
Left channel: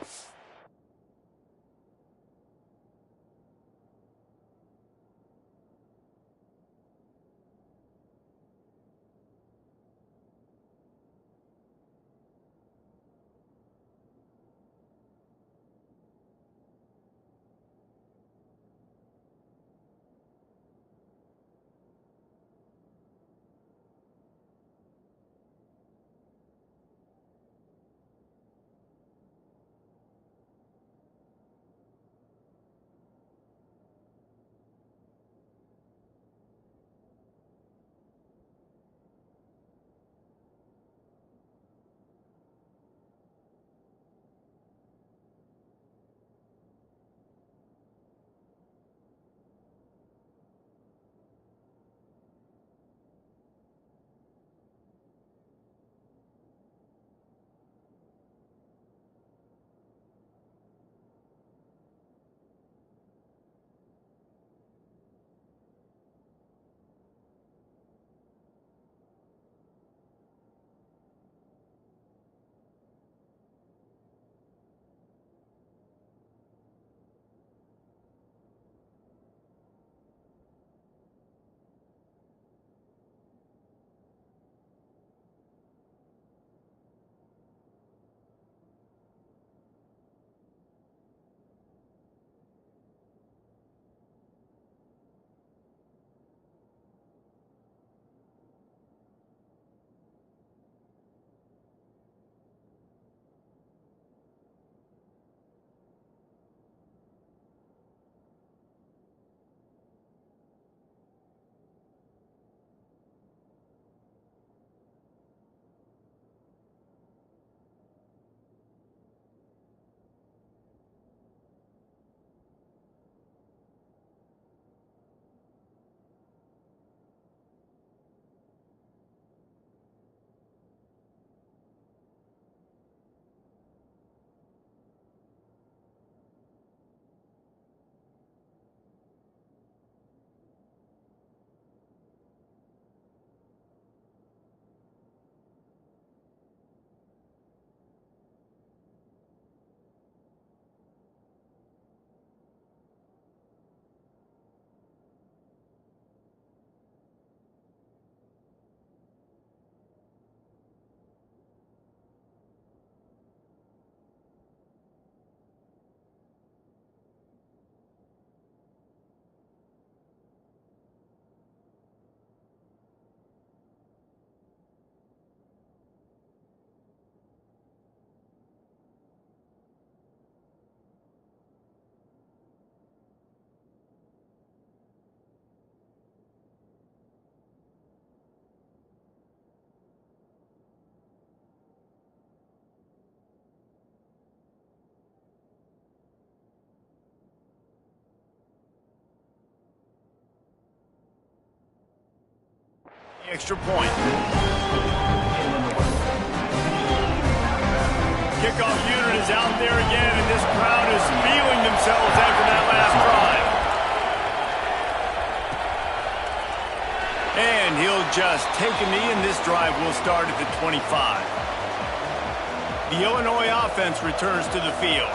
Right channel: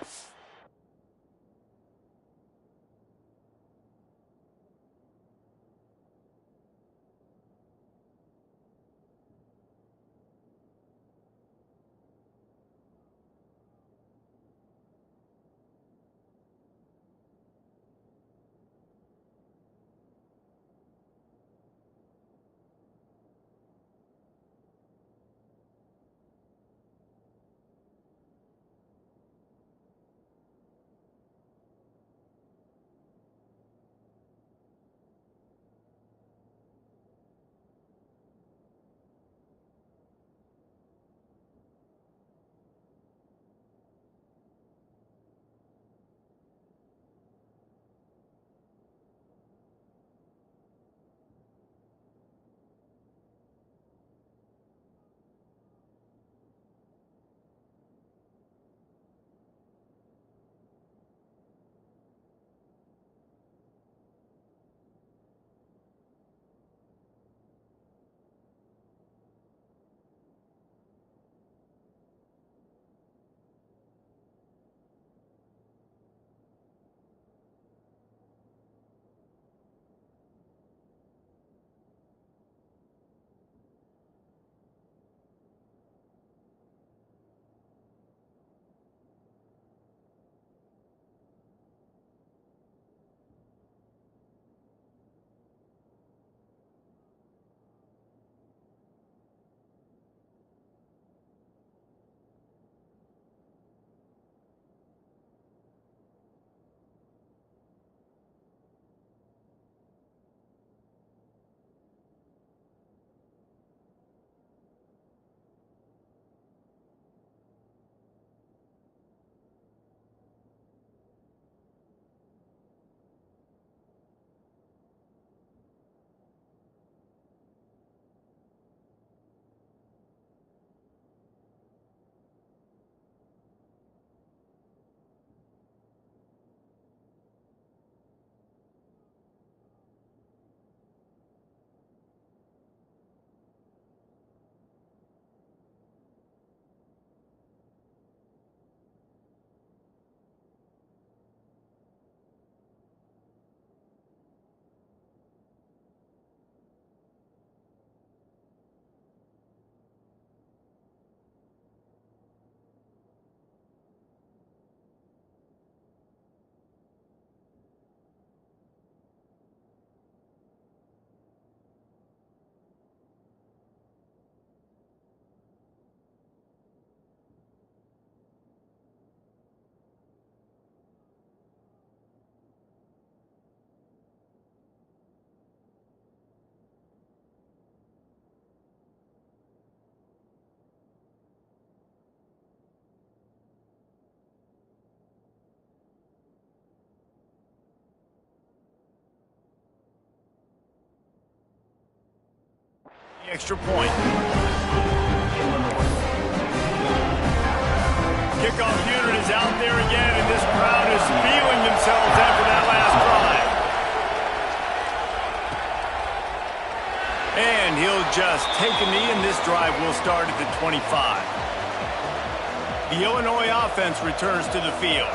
Extra point. Kickoff unit is out there again, and this crowd is feeling themselves after that last drive. And he'll just take a knee, and this drive will start at the 25. The Illinois offense returns to the field.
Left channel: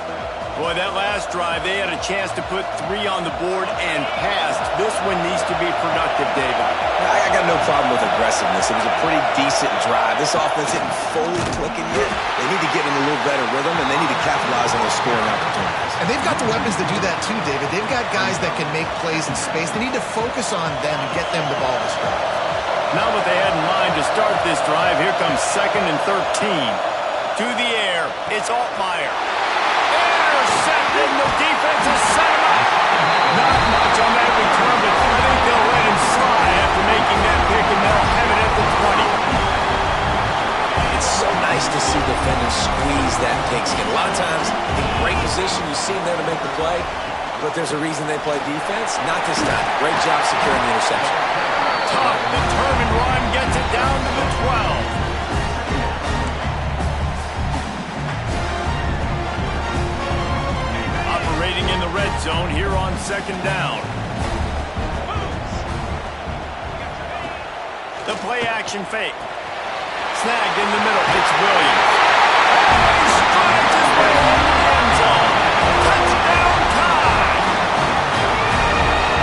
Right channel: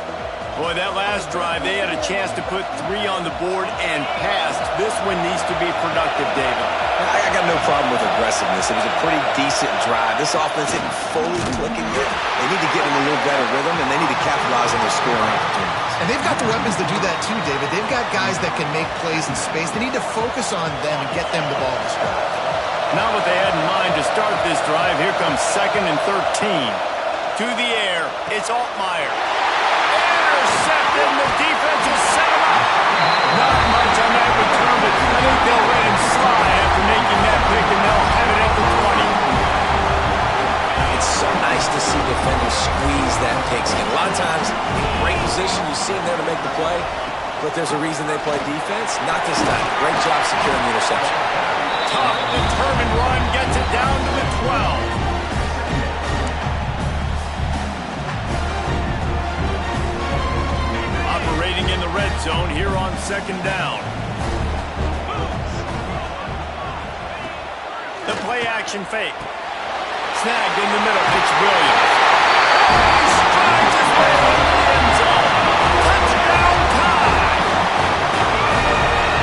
Boy, that last drive, they had a chance to put 3 on the board and passed. This one needs to be productive, David. I got no problem with aggressiveness. It was a pretty decent drive. This offense isn't fully clicking yet. They need to get in a little better rhythm, and they need to capitalize on those scoring opportunities. And they've got the weapons to do that too, David. They've got guys that can make plays in space. They need to focus on them and get them the ball this drive. Not what they had in mind to start this drive. Here comes 2nd and 13. To the air, it's Altmaier. Intercepted, the defense has set him up. Not much on that return, but I think they'll let him slide after making that pick, and they'll have it at the 20. It's so nice to see defenders squeeze that pigskin. A lot of times, in great position, you see them there to make the play, but there's a reason they play defense. Not this time. Great job securing the interception. Tough, determined run gets it down to the 12. Operating in the red zone here on 2nd down. The play-action fake. Snagged in the middle. It's Williams. And he strides his way into the end zone. Touchdown time!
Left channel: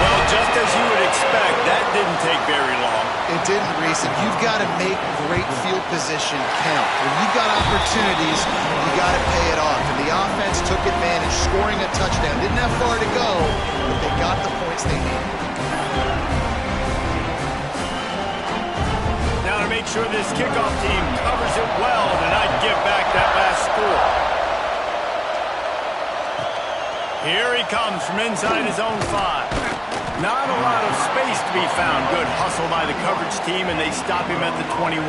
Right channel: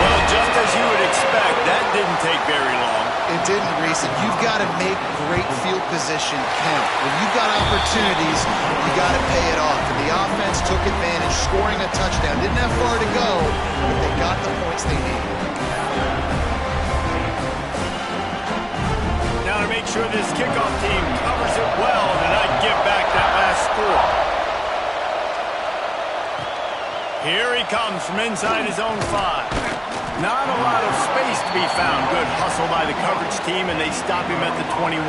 Well, just as you would expect, that didn't take very long. It didn't, Reese, and you've got to make great field position count. When you've got opportunities, you got to pay it off. And the offense took advantage, scoring a touchdown. Didn't have far to go, but they got the points they needed. Now to make sure this kickoff team covers it well to not give back that last score. Here he comes from inside his own 5. Not a lot of space to be found. Good hustle by the coverage team, and they stop him at the 21.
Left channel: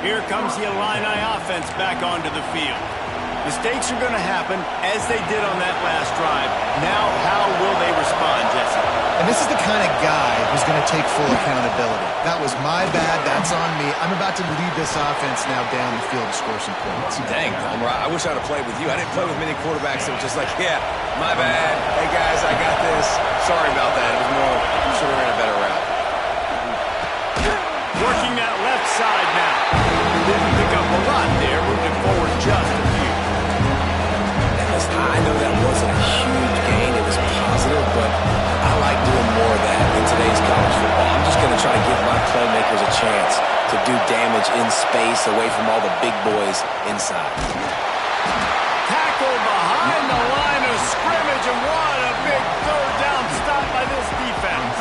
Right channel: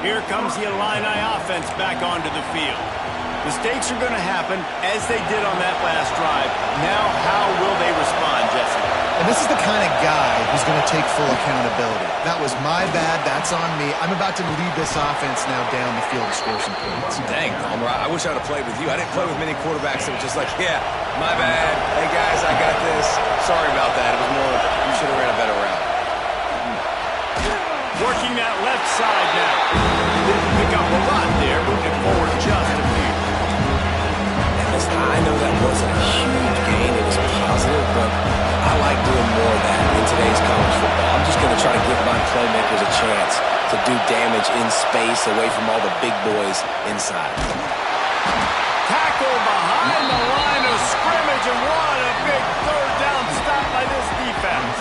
Here comes the Illini offense back onto the field. Mistakes are going to happen, as they did on that last drive. Now, how will they respond, Jesse? And this is the kind of guy who's going to take full accountability. That was my bad. That's on me. I'm about to lead this offense now down the field to score some points. Dang, Palmer, I wish I'd have played with you. I didn't play with many quarterbacks that were just like, yeah, my bad. Hey, guys, I got this. Sorry about that. It was more, you should have ran a better route. Working that left side now. Didn't pick up a lot there. Moved it forward just a few. I know that wasn't a huge gain. It was positive, but I like doing more of that in today's college football. I'm just going to try to give my playmakers a chance to do damage in space away from all the big boys inside. Tackle behind the line of scrimmage, and what a big 3rd down stop by this defense.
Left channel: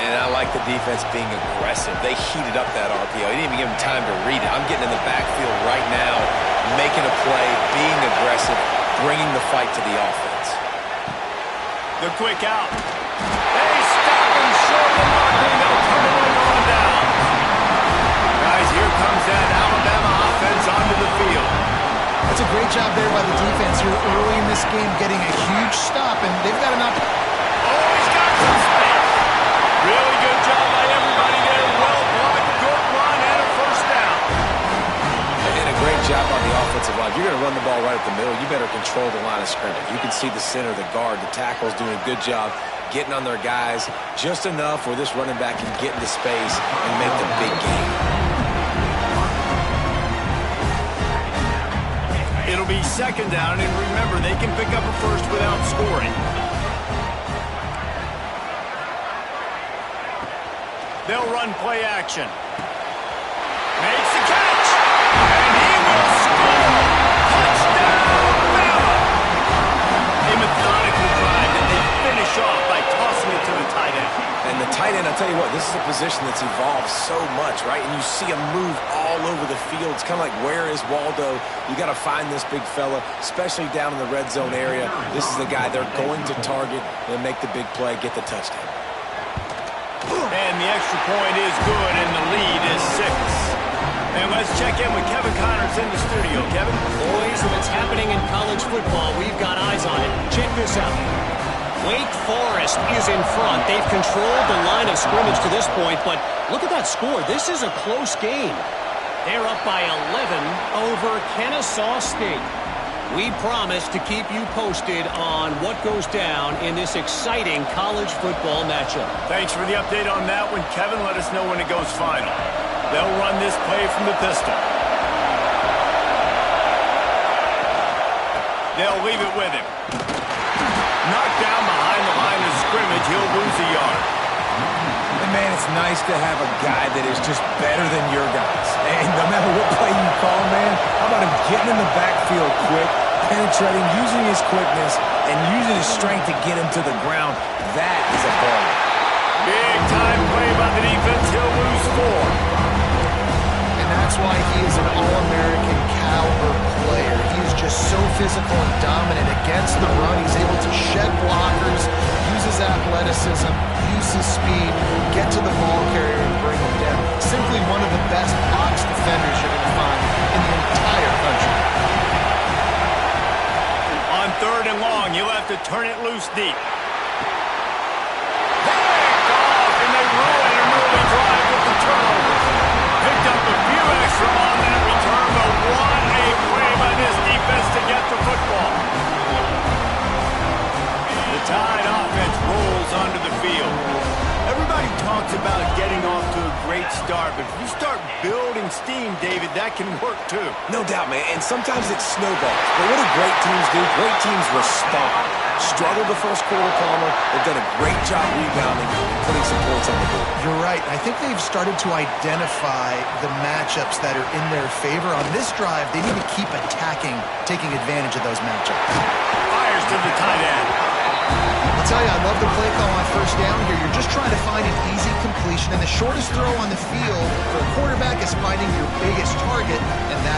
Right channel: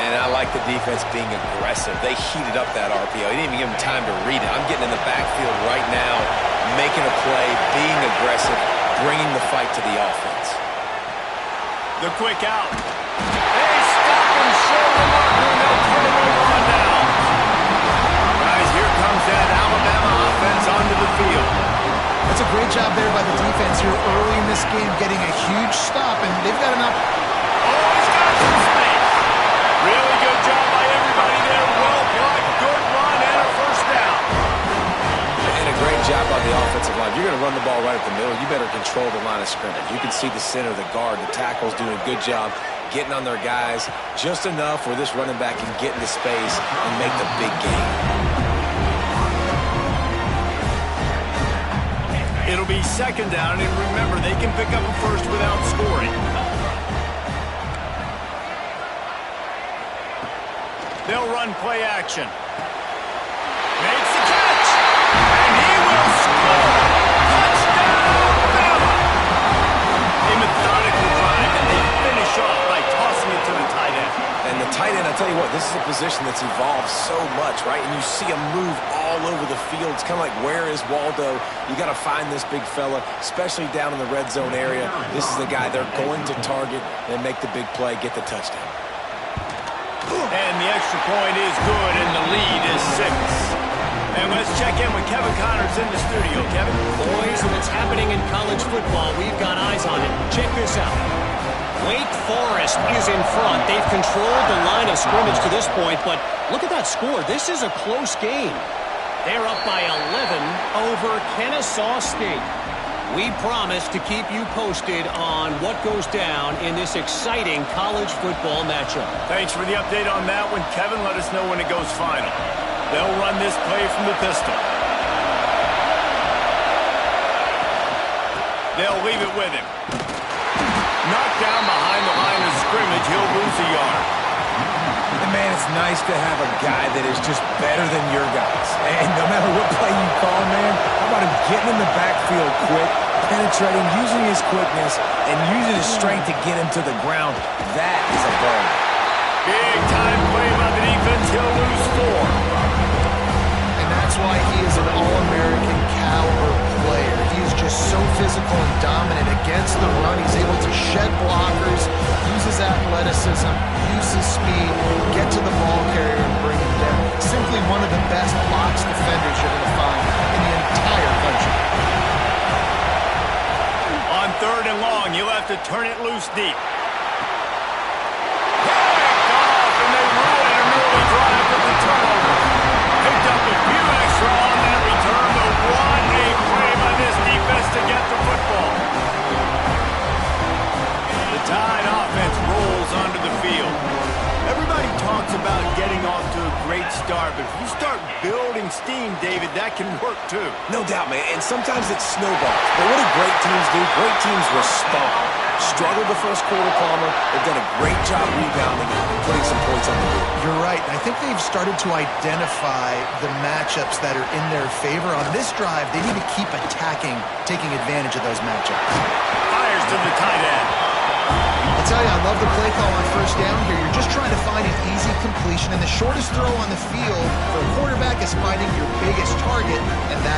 And I like the defense being aggressive. They heated up that RPO. He didn't even give him time to read it. I'm getting in the backfield right now, making a play, being aggressive, bringing the fight to the offense. The quick out. They stop him short of the marker, and they'll turn it over on down. Guys, here comes that Alabama offense onto the field. That's a great job there by the defense here early in this game, getting a huge stop, and they've got an opportunity. Oh, he's got some space. Really good job by everybody there. Well blocked, good run, and a 1st down. And a great job on the offensive line. You're going to run the ball right at the middle. You better control the line of scrimmage. You can see the center, the guard, the tackle's doing a good job getting on their guys just enough where this running back can get into space and make the big gain. It'll be 2nd down, and remember, they can pick up a 1st without scoring. They'll run play action. Makes the catch. And he will score. Touchdown, Bama. A methodical drive that they finish off by tossing it to the tight end. And the tight end, I'll tell you what, this is a position that's evolved so much, right? And you see him move all over the field. It's kind of like, where is Waldo? You got to find this big fella, especially down in the red zone area. This is the guy they're going to target and make the big play, get the touchdown. And the extra point is good, and the lead is 6. And let's check in with Kevin Connors in the studio. Kevin? Boys, if it's happening in college football, we've got eyes on it. Check this out. Wake Forest is in front. They've controlled the line of scrimmage to this point, but look at that score. This is a close game. They're up by 11 over Kennesaw State. We promise to keep you posted on what goes down in this exciting college football matchup. Thanks for the update on that one, Kevin. Let us know when it goes final. They'll run this play from the pistol. They'll leave it with him. Knocked down behind the line of scrimmage. He'll lose a yard. And, man, it's nice to have a guy that is just better than your guys. And no matter what play you call, man, how about him getting in the backfield quick, penetrating, using his quickness, and using his strength to get him to the ground? That is a baller. Big time play by the defense. He'll lose 4. And that's why he is an All-American caliber player. He is just so physical and dominant against the run. He's able to shed blockers, use his athleticism, use his speed, get to the ball carrier and bring him down. Simply one of the best box defenders you're going to find in the entire country. On 3rd and long, you'll have to turn it loose deep. Picked off, and they ruin an early drive with the turnover. Picked up a few extra on that return, but what a play by this defense to get the football. The Tide offense rolls onto the field. Everybody talks about getting off to a great start, but if you start building steam, David, that can work too. No doubt, man, and sometimes it snowballs. But what do great teams do? Great teams respond. Struggled the first quarter, Palmer. They've done a great job rebounding and putting some points on the board. You're right. I think they've started to identify the matchups that are in their favor. On this drive, they need to keep attacking, taking advantage of those matchups. Fires to the tight end. I'll tell you, I love the play call on first down here. You're just trying to find an easy completion, and the shortest throw on the field for a quarterback is finding your biggest target, and that's